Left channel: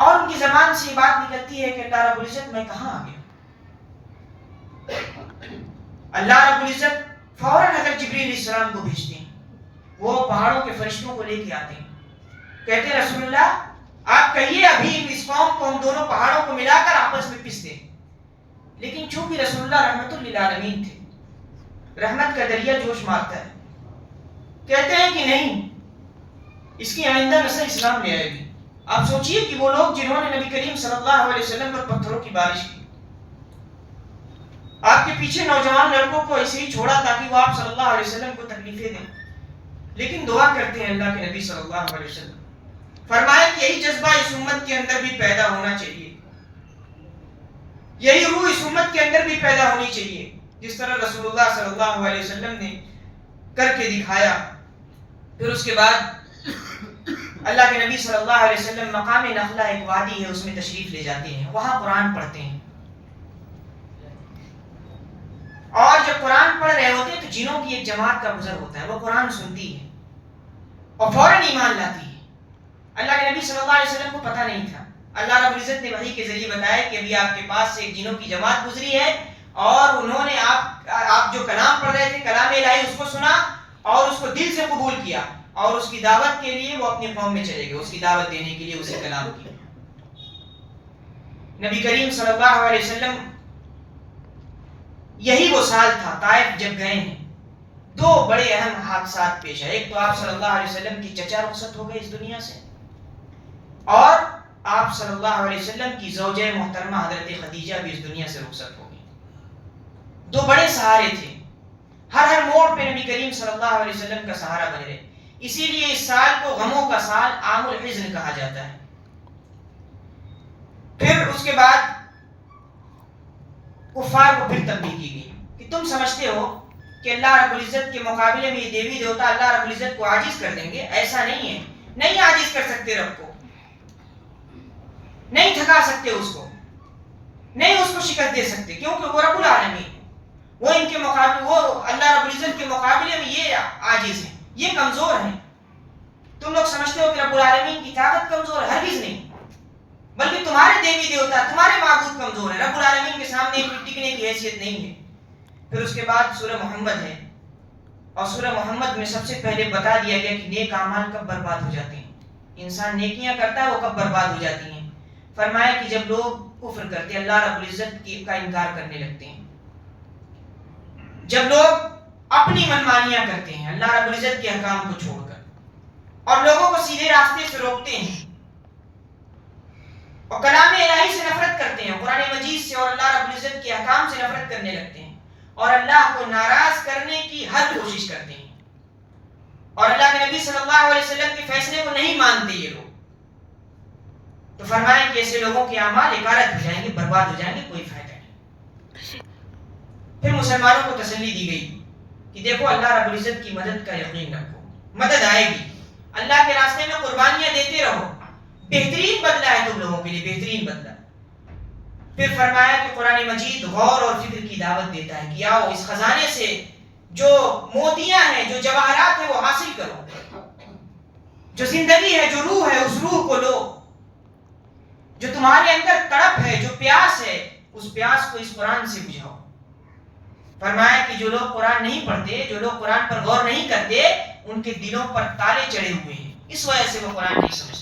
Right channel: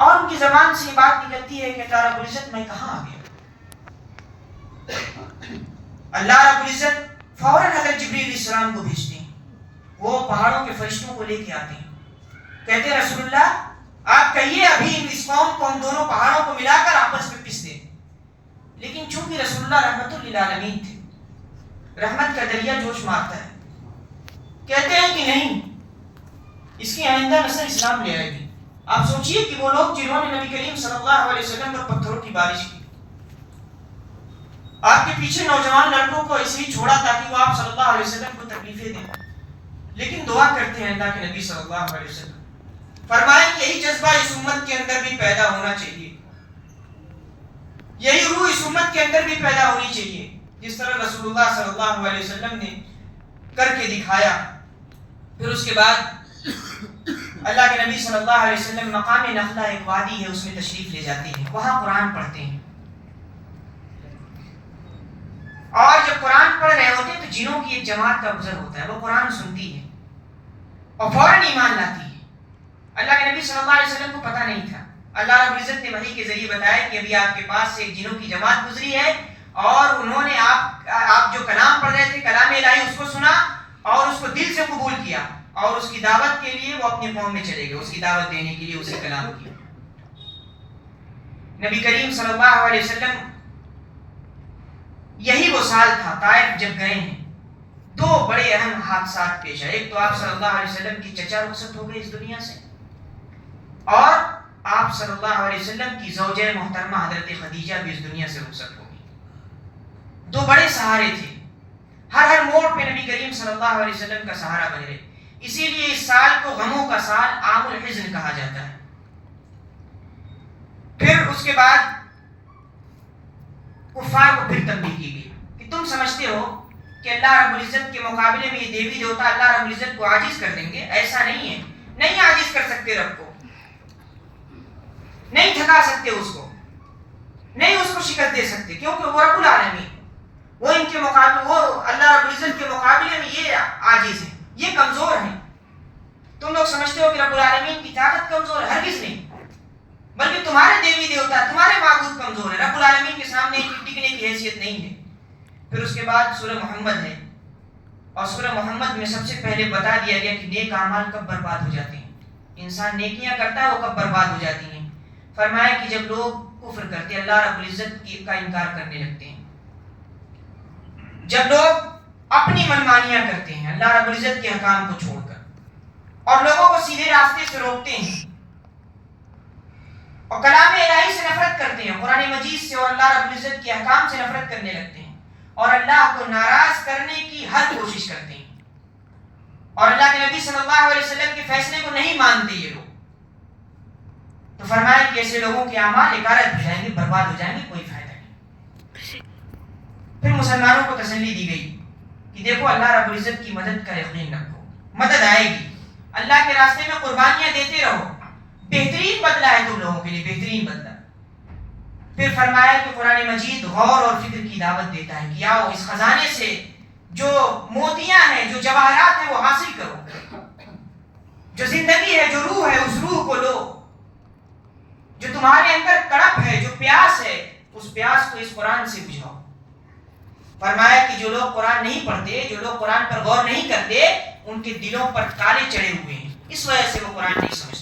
اور ان کی زبان سے یہ بات نکلتی ہے کہ اللہ رب العزت میں کہاں آ گیا. اللہ رب العزت فوراً حضرت جبریل علیہ السلام کو بھیجتے ہیں. وہ پہاڑوں کے فرشتوں کو لے کے آتے ہیں. کہتے ہیں رسول اللہ آپ کہیے ابھی اس قوم کو ہم دونوں پہاڑوں کو ملا کر آپس میں پس دیں. لیکن چونکہ رسول اللہ رحمت للعالمین تھے, رحمت کا دریا جوش مارتا ہے. کہتے ہیں کہ نہیں, اس کی آئندہ نسل اسلام لے آئے گی. آپ سوچئے کہ وہ لوگ جنہوں نے نبی کریم صلی اللہ علیہ وسلم پر پتھروں کی بارش کی, آپ کے پیچھے نوجوان لڑکوں کو ایسے ہی چھوڑا تاکہ وہ آپ صلی اللہ علیہ وسلم کو تکلیفیں دیں, لیکن دعا کرتے ہیں اللہ کے نبی صلی اللہ علیہ وسلم. فرمایا کہ یہی جذبہ اس امت کے اندر بھی پیدا ہونا چاہیے, یہی روح اس امت کے اندر بھی پیدا ہونی چاہیے جس طرح رسول اللہ صلی اللہ علیہ وسلم نے کر کے دکھایا. پھر اس کے بعد اللہ کے نبی صلی اللہ علیہ وسلم مقام نخلہ ایک وادی ہے, اس میں تشریف لے جاتے ہیں, وہاں قرآن پڑھتے ہیں. اور جب قرآن پڑھ رہے ہوتے ہیں تو جنوں کی ایک جماعت کا گزر ہوتا ہے, وہ قرآن سنتی ہے اور فوراً ایمان لاتی ہے. اللہ کے نبی صلی اللہ علیہ وسلم کو پتہ نہیں تھا. اللہ رب العزت نے وحی کے ذریعے بتایا کہ ابھی آپ کے پاس سے ایک جنوں کی جماعت گزری ہے اور انہوں نے آپ جو کلام پڑھ رہے تھے, کلام الہی, اس کو سنا اور اس کو دل سے قبول کیا, اور اس کی دعوت کے لیے وہ اپنی قوم میں چلے گئے, اس کی دعوت دینے کے لیے اسی کلام کی. نبی کریم صلی اللہ علیہ وسلم یہی وہ سال تھا طائف جب گئے ہیں. دو بڑے اہم حادثات پیش آئے. ایک تو آپ صلی اللہ علیہ وسلم کی چچا رخصت ہو گئے اس دنیا سے, اور آپ صلی اللہ علیہ وسلم کی زوجہ محترمہ حضرت خدیجہ بھی اس دنیا سے رخصت ہو گئی. دو بڑے سہارے تھے, ہر موڑ پہ نبی کریم صلی اللہ علیہ وسلم کا سہارا بن رہے. اسی لیے اس سال کو غموں کا سال عام الحزن کہا جاتا ہے. پھر اس کے بعد کفار کو پھر تنبیہ کی گئی کہ تم سمجھتے ہو کہ اللہ رب العزت کے مقابلے میں یہ دیوی دیوتا اللہ رب العزت کو عاجز کر دیں گے. ایسا نہیں ہے, نہیں عاجز کر سکتے رب کو, نہیں تھکا سکتے اس کو, نہیں اس کو شکست دے سکتے, کیونکہ وہ رب العالمین, وہ ان کے مقابلے, وہ اللہ رب العزت کے مقابلے میں یہ عاجز ہیں, یہ کمزور ہیں. تم لوگ سمجھتے ہو کہ رب العالمین کی طاقت کمزور ہے, ہرگز نہیں, بلکہ تمہارے دیوی دیوتا, تمہارے معبود کمزور ہے. رب العالمین کے سامنے ٹکنے کی حیثیت نہیں ہے. پھر اس کے بعد سورہ محمد ہے, اور سورہ محمد میں سب سے پہلے بتا دیا گیا کہ نیک اعمال کب برباد ہو جاتے ہیں. انسان نیکیاں کرتا ہے وہ کب برباد ہو جاتی ہیں. فرمایا کہ جب لوگ کفر کرتے ہیں, اللہ رب العزت کا انکار کرنے لگتے ہیں, جب لوگ اپنی منمانیاں کرتے ہیں اللہ رب العزت کے احکام کو چھوڑ کر, اور لوگوں کو سیدھے راستے سے روکتے ہیں, اور کلام الہی سے نفرت کرتے ہیں, قرآن مجید سے اور اللہ رب العزت کے احکام سے نفرت کرنے لگتے ہیں, اور اللہ کو ناراض کرنے کی ہر کوشش کرتے ہیں, اور اللہ کے نبی صلی اللہ علیہ وسلم کے فیصلے کو نہیں مانتے یہ لوگ, تو فرمایا کہ ایسے لوگوں کے اعمال اکارت ہو جائیں گے, برباد ہو جائیں گے, کوئی فائدہ نہیں. پھر مسلمانوں کو تسلی دی گئی کہ دیکھو اللہ رب العزت کی مدد کا یقین رکھو, مدد آئے گی, اللہ کے راستے میں قربانیاں دیتے رہو, بہترین بدلہ ہے تم لوگوں کے لیے, بہترین بدلہ. پھر فرمایا کہ قرآن مجید غور اور فکر کی دعوت دیتا ہے کہ آؤ اس خزانے سے جو موتیاں ہیں, جو جواہرات ہیں وہ حاصل کرو, جو زندگی ہے, جو روح ہے, اس روح کو لو, جو تمہارے اندر تڑپ ہے, جو پیاس ہے, اس پیاس کو اس قرآن سے بجھاؤ. فرمایا کہ جو لوگ قرآن نہیں پڑھتے, جو لوگ قرآن پر غور نہیں کرتے, ان کے دلوں پر تالے چڑھے ہوئے ہیں, اس وجہ سے وہ قرآن نہیں سمجھتے.